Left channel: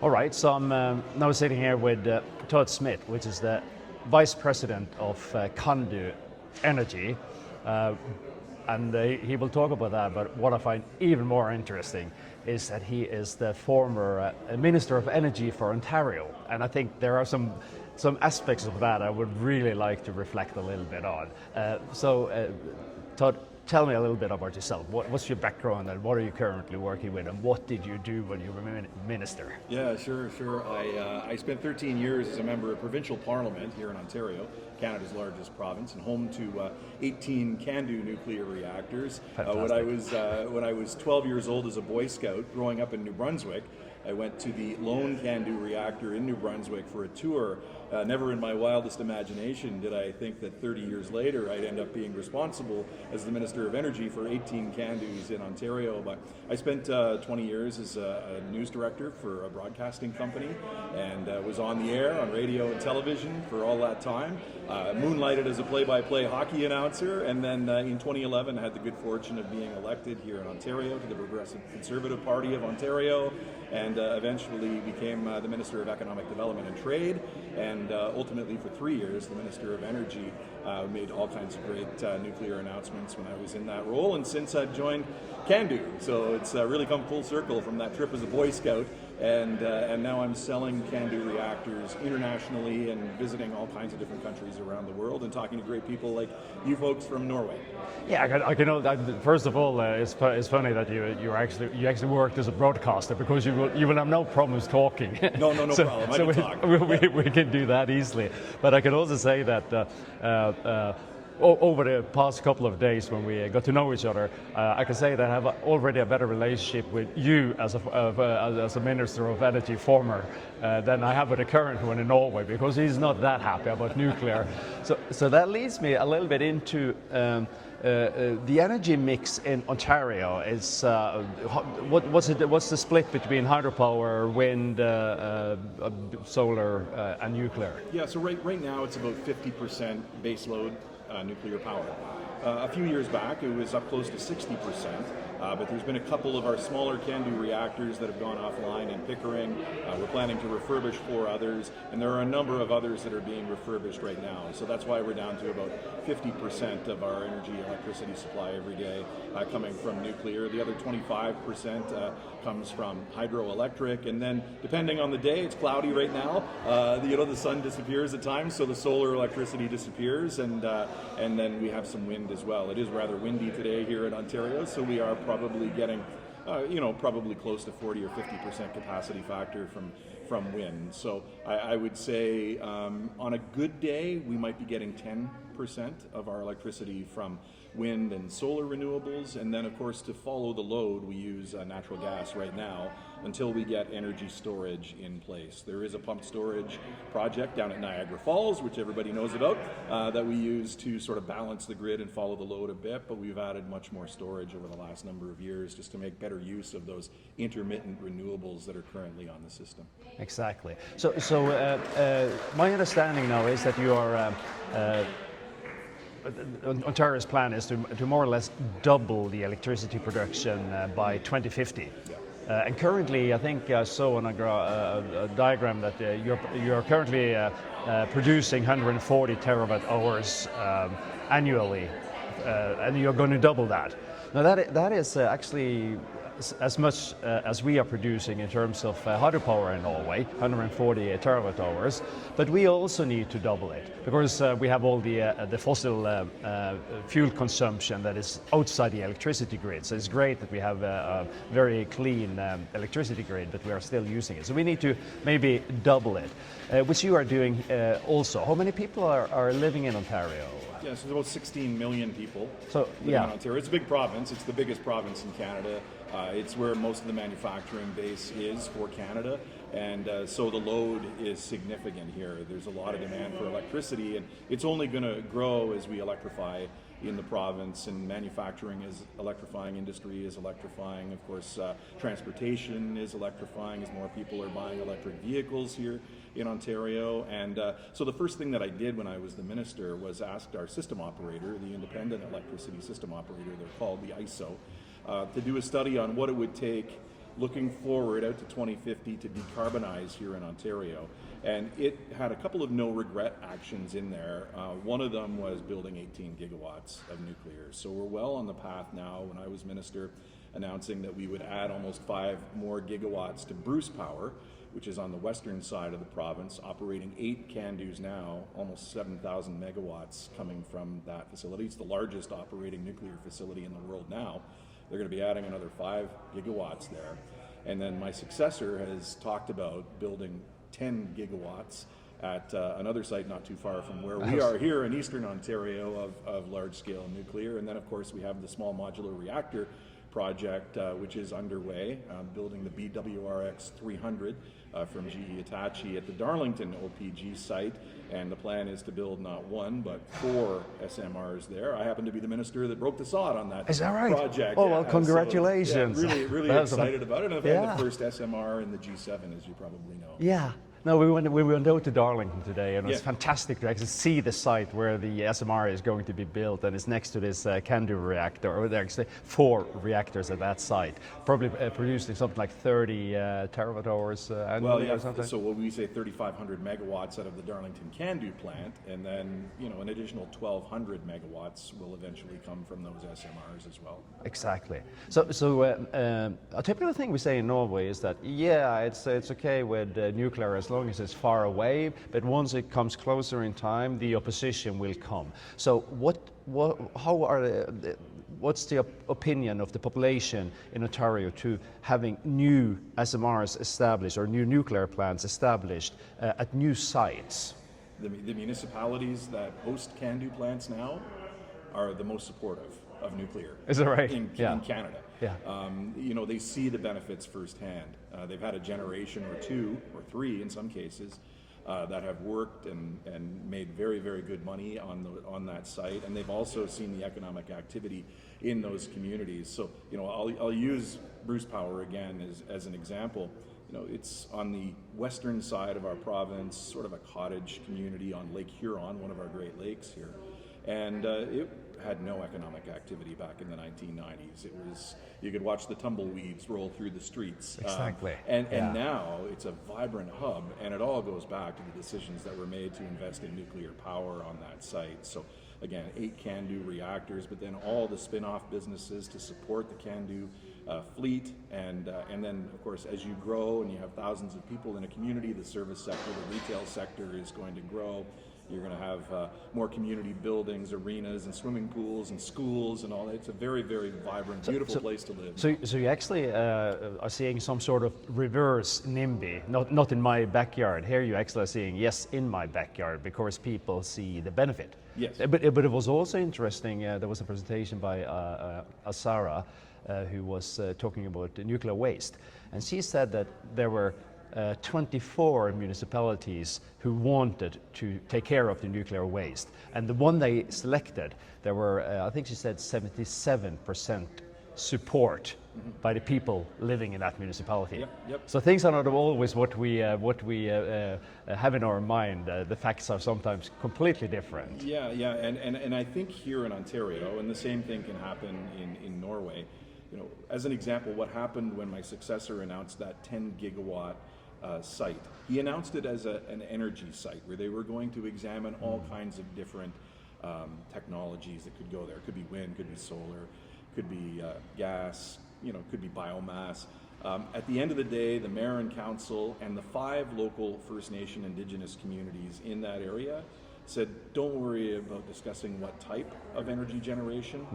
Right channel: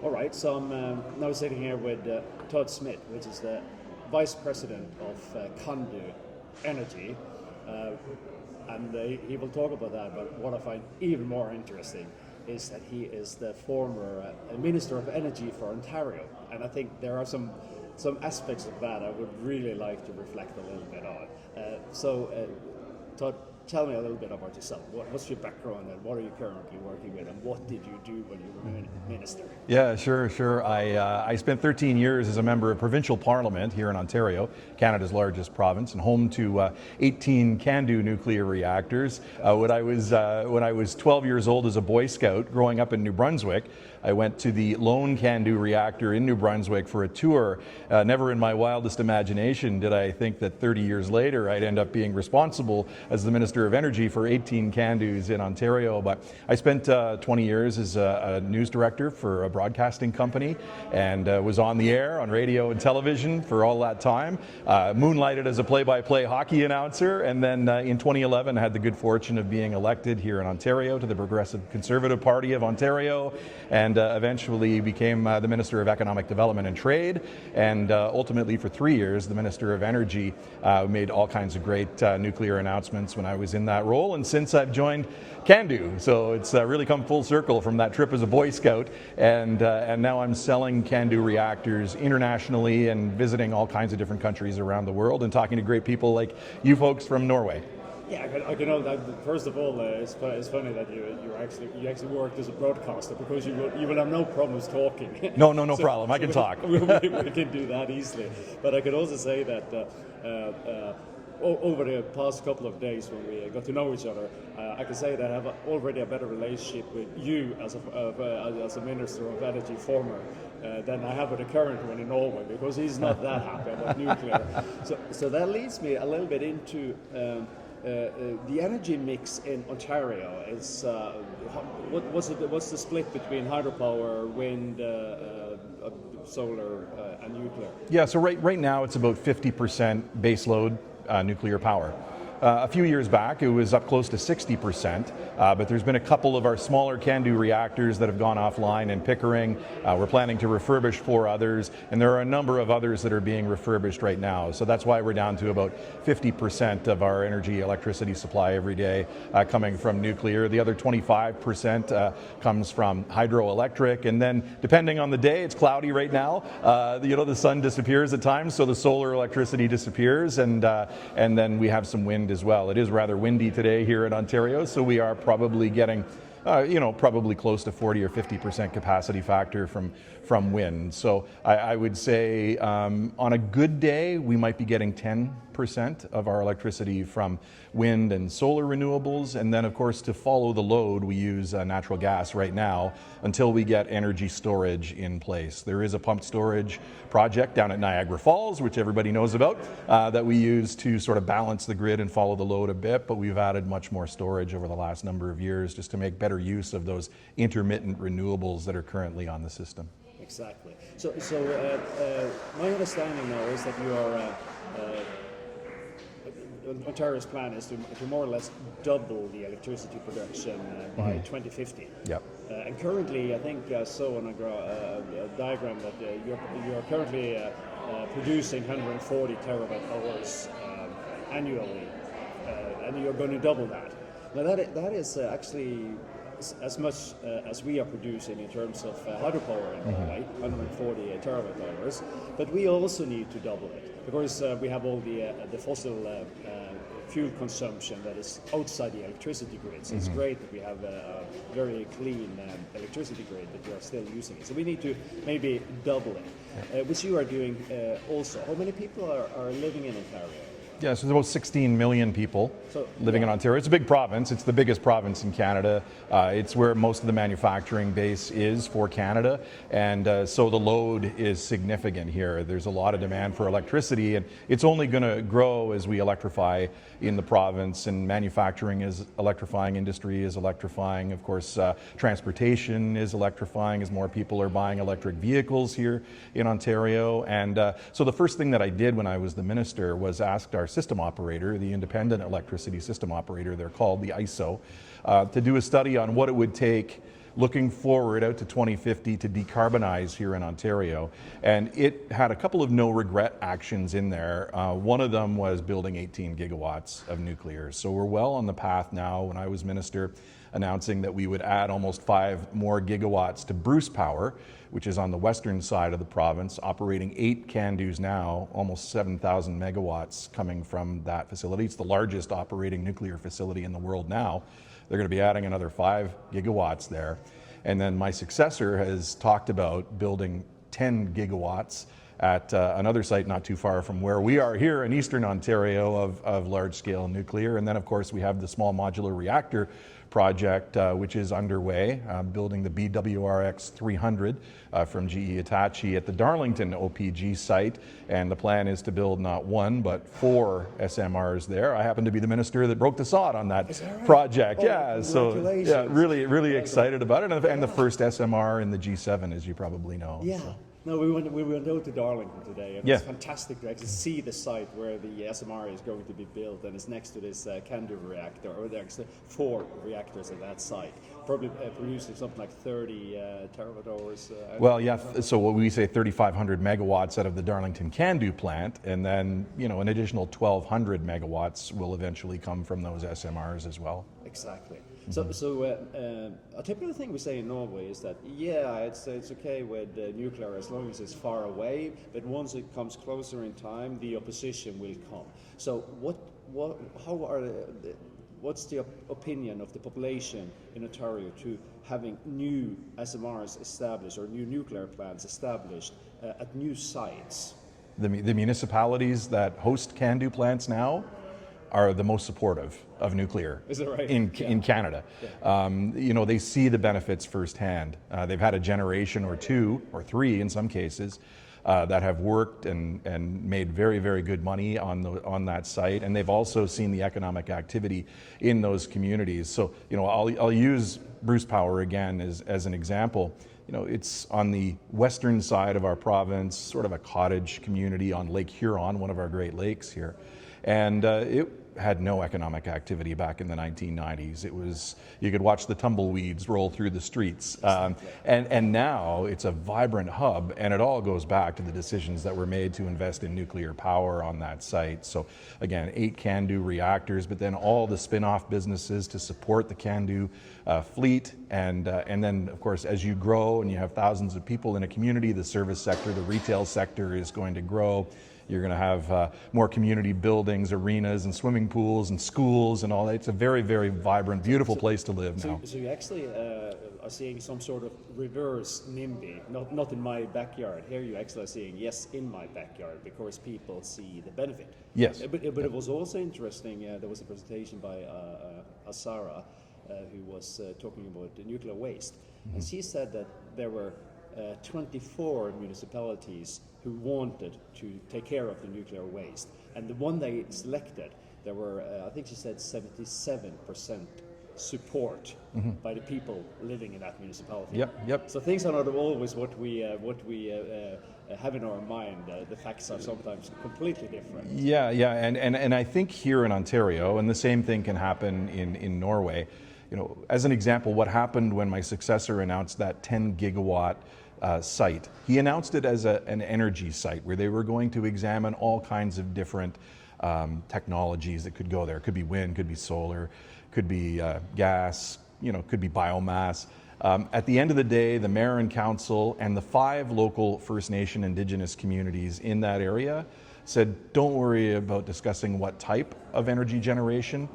All right, so I'm now sitting here with Todd Smith, which is the Vice President of Candu Energy, and he will talk about that, but what I find even more interesting is that he is the former Minister of Energy for Ontario, and I think there are some aspects of that I would really like to reflect a little bit on. Todd, tell me a little bit about yourself. What's your background and what are you currently working with and what did you do when you were minister? Yeah, sure. I spent 13 years as a member of provincial parliament here in Ontario, Canada's largest province, and home to 18 CANDU nuclear reactors. When I was 12 years old as a Boy Scout growing up in New Brunswick, I went to the lone CANDU reactor in New Brunswick for a tour. Never in my wildest imagination did I think that 30 years later I'd end up being responsible as the Minister of Energy for 18 CANDUs in Ontario. But I spent 20 years as a news director for a broadcasting company and was on the air on radio and television for all that time. Moonlighted as a play-by-play hockey announcer, and then in 2011 had the good fortune of being elected here in Ontario to the Progressive Conservative Party of Ontario, and eventually became the Minister of Economic Development and Trade, and ultimately for 3 years the Minister of Energy. Made all kinds of great nuclear announcements when I was in that role, and since I've joined CANDU, so it's really come full circle from that trip as a Boy Scout, and now I'm selling CANDU reactors internationally and visiting all kinds of different countries around the world and talking to great people like you folks from Norway. Yeah, I can know that. First of all, it's funny that you actually worked as a broadcaster, because you will have no problems talking. No problem. I can talk. We can do that easily. But I can also say that over the past couple of days when we got to know each other, I can say that I have already a better relationship with you as a Minister of Energy former than I have with the current one in Norway, because he's not that happy about nuclear. So that leads me a little bit into the energy mix in Ontario. Is what's the split between hydropower, wind, solar, and nuclear? Yeah, so right now it's about 50% baseload nuclear power. A few years back, it was up close to 60%, but there's been a couple of our smaller CANDU reactors that have gone offline in Pickering. We're planning to refurbish 4 others, and there are a number of others that are being refurbished right now. So that's why we're down to about 50% of our electricity supply every day coming from nuclear. The other 25% comes from hydroelectric, and then depending on the day, it's cloudy right now. The sun disappears at times, so the solar electricity disappears, and then we have some wind as well. It is rather windy today here in Ontario, so we are probably getting probably close to 40 or 50% capacity factor from wind. So I would say on a good day we might be getting 10% of our electricity from wind and solar renewables, and then of course to follow the load we use natural gas right now until we get energy storage in place. There is a pumped storage project down at Niagara Falls, which everybody knows about, that we use to sort of balance the grid and follow the load a bit, but we've added much more storage over the last number of years just to make better use of those intermittent renewables that are currently on the system. Exactly. So my understanding now is that you are Ontario's plan is to more or less double the electricity production by 2050. Yep. And currently, I think I saw on a diagram that you're currently producing 140 terawatt hours annually, and you're going to double that. Now that is actually as much as we are producing in terms of hydropower in Norway, 140 terawatt hours, but we also need to double it because we have all the fossil fuel consumption that is outside the electricity grid. So it's great that we have a very clean electricity grid, but we are still using it. So we need to maybe double it, which you are doing also. How many people are living in Ontario? Yeah, so there's about 16 million people living in Ontario. It's a big province. It's the biggest province in Canada. It's where most of the manufacturing base is for Canada, and so the load is significant here. There's a lot of demand for electricity, and it's only going to grow as we electrify in the province, and manufacturing is electrifying, industry is electrifying, of course transportation is electrifying as more people are buying electric vehicles here in Ontario. And so the first thing that I did when I was the minister was asked our system operator, the independent electricity system operator, they're called the ISO, to do a study on what it would take looking forward out to 2050 to decarbonize here in Ontario. And it had a couple of no-regret actions in there. One of them was building 18 gigawatts of nuclear. So we're well on the path now, when I was minister, announcing that we would add almost 5 more gigawatts to Bruce Power, which is on the western side of the province, operating 8 CANDUs now, almost 7,000 megawatts coming from that facility. It's the largest operating nuclear facility in the world now. They're going to be adding another 5 gigawatts there. And then my successor has talked about building 10 gigawatts at another site not too far from where we are here in Eastern Ontario of large-scale nuclear. And then, of course, we have the small modular reactor project, which is underway, building the BWRX 300 from GE Hitachi at the Darlington OPG site. And the plan is to build not 1, but 4 SMRs there. I happen to be the minister that broke the sod on that, project. Oh, yeah, congratulations. So, yeah, really excited about it. And the first SMR in the G7, as you probably know. Yeah. No, we went out to Darlington today, and it's fantastic to actually see the site where the SMR is going to be built, and it's next to this CANDU reactor, or there are actually 4 reactors at that site, probably producing something like 30 terawatt hours annually. Well, yeah, so what we say 3,500 megawatts out of the Darlington CANDU plant, and then, you know, an additional 1,200 megawatts will eventually come from those SMRs as well. Exactly. So a typical thing we say in Norway is that, it's okay with nuclear as long as it's far away, but once it comes closer in time, the opposition will come. So what's the opinion of the population in Ontario to having new SMRs established or new nuclear plants established at new sites? The municipalities that host CANDU plants now are the most supportive of nuclear. Is that right? In Canada. Yeah. You know, they see the benefits firsthand. They've had a generation or 2 or 3 in some cases that have worked and made very, very good money on that site, and they've also seen the economic activity in those communities. So, you know, I'll use Bruce Power again as an example. You know, it's on the western side of our province, sort of a cottage community on Lake Huron, one of our Great Lakes here. And it had no economic activity back in the 1990s. It was, you could watch the tumbleweeds roll through the streets. Exactly. And now it's a vibrant hub, and it all goes back to the decisions that were made to invest in nuclear power on that site. So again, 8 CANDU reactors, but then all the spin-off businesses to support the CANDU fleet. And then, of course, as you grow and you have thousands of people in a community, the service sector, the retail sector is going to grow. You're going to have more community buildings, arenas, and swimming pools, and schools, and all that. It's a very, very vibrant, beautiful place to live. So you actually are seeing some sort of reverse NIMBY, not in my backyard. Here you actually are seeing, yes, in my backyard, because people see the benefit. Yes. But it was also interesting, there was a presentation by Asara, who was talking about nuclear waste. And she said that there were 24 municipalities who wanted to take care of the nuclear waste. And the one they selected, there were, I think she said 77% support by the people living in that municipality. Yep. So things are not always what we have in our mind. The facts are sometimes completely different. Yeah, and I think here in Ontario, and the same thing can happen in Norway. You know, as an example, what happened when my successor announced that 10 gigawatt site. He announced it as an energy site where they were going to examine all kinds of different technologies that could go there. It could be wind, could be solar, could be gas, you know, could be biomass. At the end of the day, the mayor and council and the 5 local First Nation Indigenous communities in that area said, don't worry about discussing what type of energy generation.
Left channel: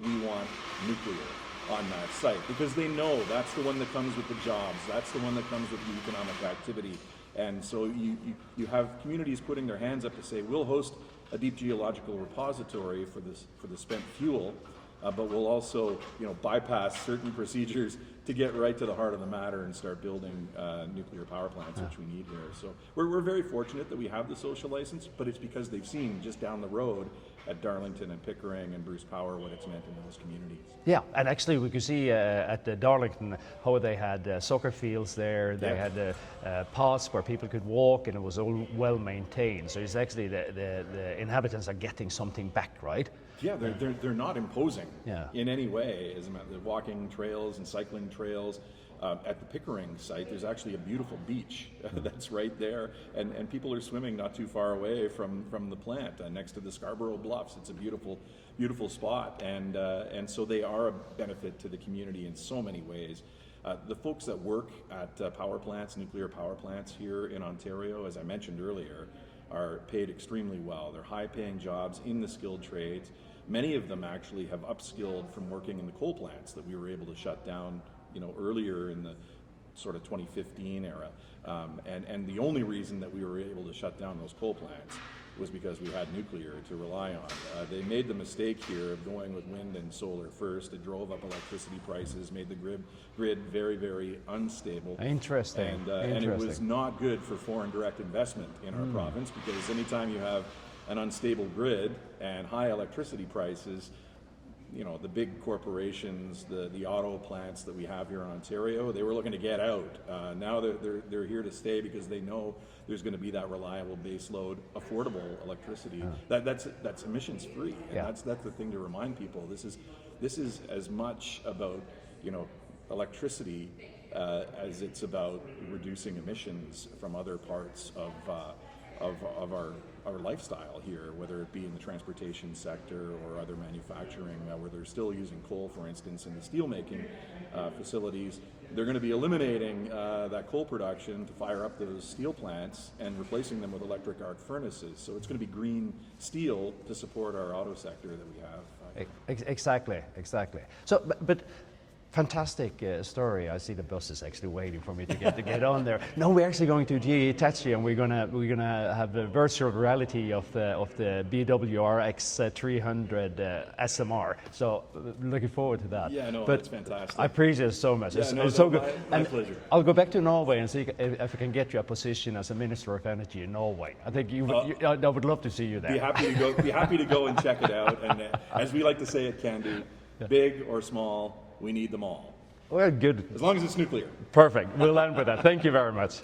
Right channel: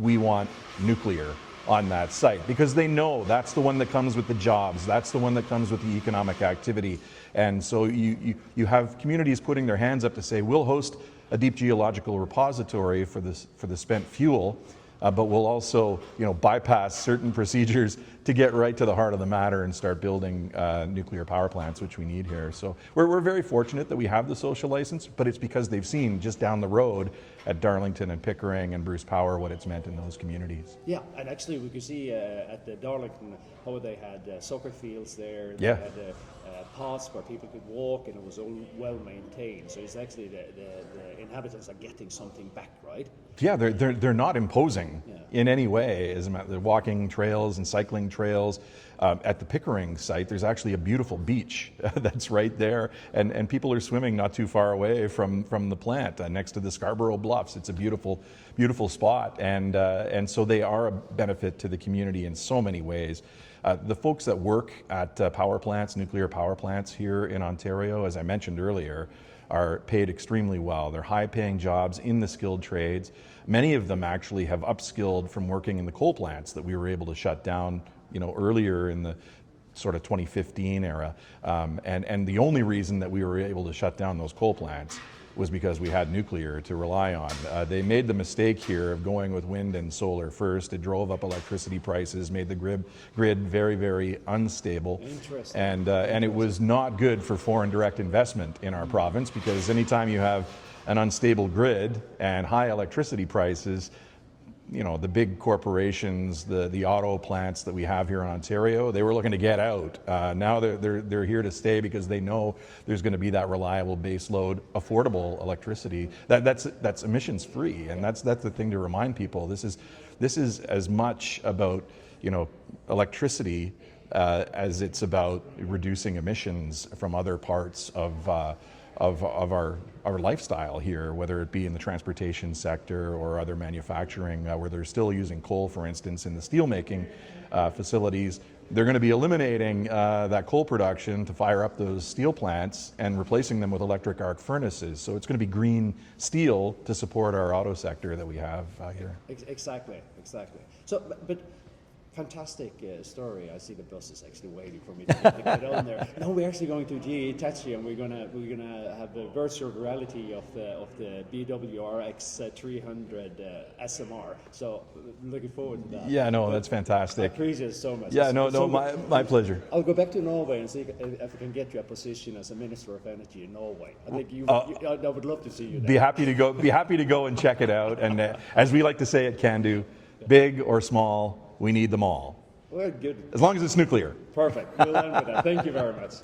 We want nuclear on that site, because they know that's the one that comes with the jobs, that's the one that comes with the economic activity. And so you have communities putting their hands up to say, we'll host a deep geological repository for the spent fuel, but we'll also, you know, bypass certain procedures to get right to the heart of the matter and start building nuclear power plants, which we need here. So we're very fortunate that we have the social license, but it's because they've seen just down the road at Darlington and Pickering and Bruce Power what it's meant in those communities. Yeah, and actually we could see at the Darlington how they had soccer fields there. They had paths where people could walk, and it was all well maintained. So it's actually the inhabitants are getting something back, right? Yeah, they're not imposing in any way. As a matter, they're walking trails and cycling trails trails. At the Pickering site, there's actually a beautiful beach that's right there, and people are swimming not too far away from the plant, next to the Scarborough Bluffs. It's a beautiful spot, and so they are a benefit to the community in so many ways. The folks that work at power plants, nuclear power plants here in Ontario, as I mentioned earlier, are paid extremely well. They're high-paying jobs in the skilled trades. Many of them actually have upskilled from working in the coal plants that we were able to shut down, earlier in the sort of 2015 era. And the only reason that we were able to shut down those coal plants was because we had nuclear to rely on. They made the mistake here of going with wind and solar first. It drove up electricity prices, made the grid very, very unstable. Interesting. And it was not good for foreign direct investment in our province, because anytime you have an unstable grid and high electricity prices, the big corporations, the auto plants that we have here in Ontario, they were looking to get out. Now they're here to stay because they know there's going to be that reliable baseload, affordable electricity that's emissions free, and that's the thing to remind people. This is as much about electricity as it's about reducing emissions from other parts of our lifestyle here, whether it be in the transportation sector or other manufacturing, where they're still using coal, for instance, in the steelmaking facilities. They're going to be eliminating that coal production to fire up those steel plants and replacing them with electric arc furnaces. So it's going to be green steel to support our auto sector that we have here. Exactly. So, but fantastic story. I see the bus is actually waiting for me to get on there. No, we're actually going to GE Hitachi, and we're gonna have a virtual reality of the BWRX 300 SMR. So looking forward to that. Yeah, no, that's fantastic. I appreciate it so much. Yeah, my pleasure. I'll go back to Norway and see if I can get you a position as a Minister of Energy in Norway. I think I would love to see you there. Be happy to go and check it out. And as we like to say at Can-Do, big or small, we need them all. Well, good. As long as it's nuclear. Perfect. We'll end with that. Thank you very much.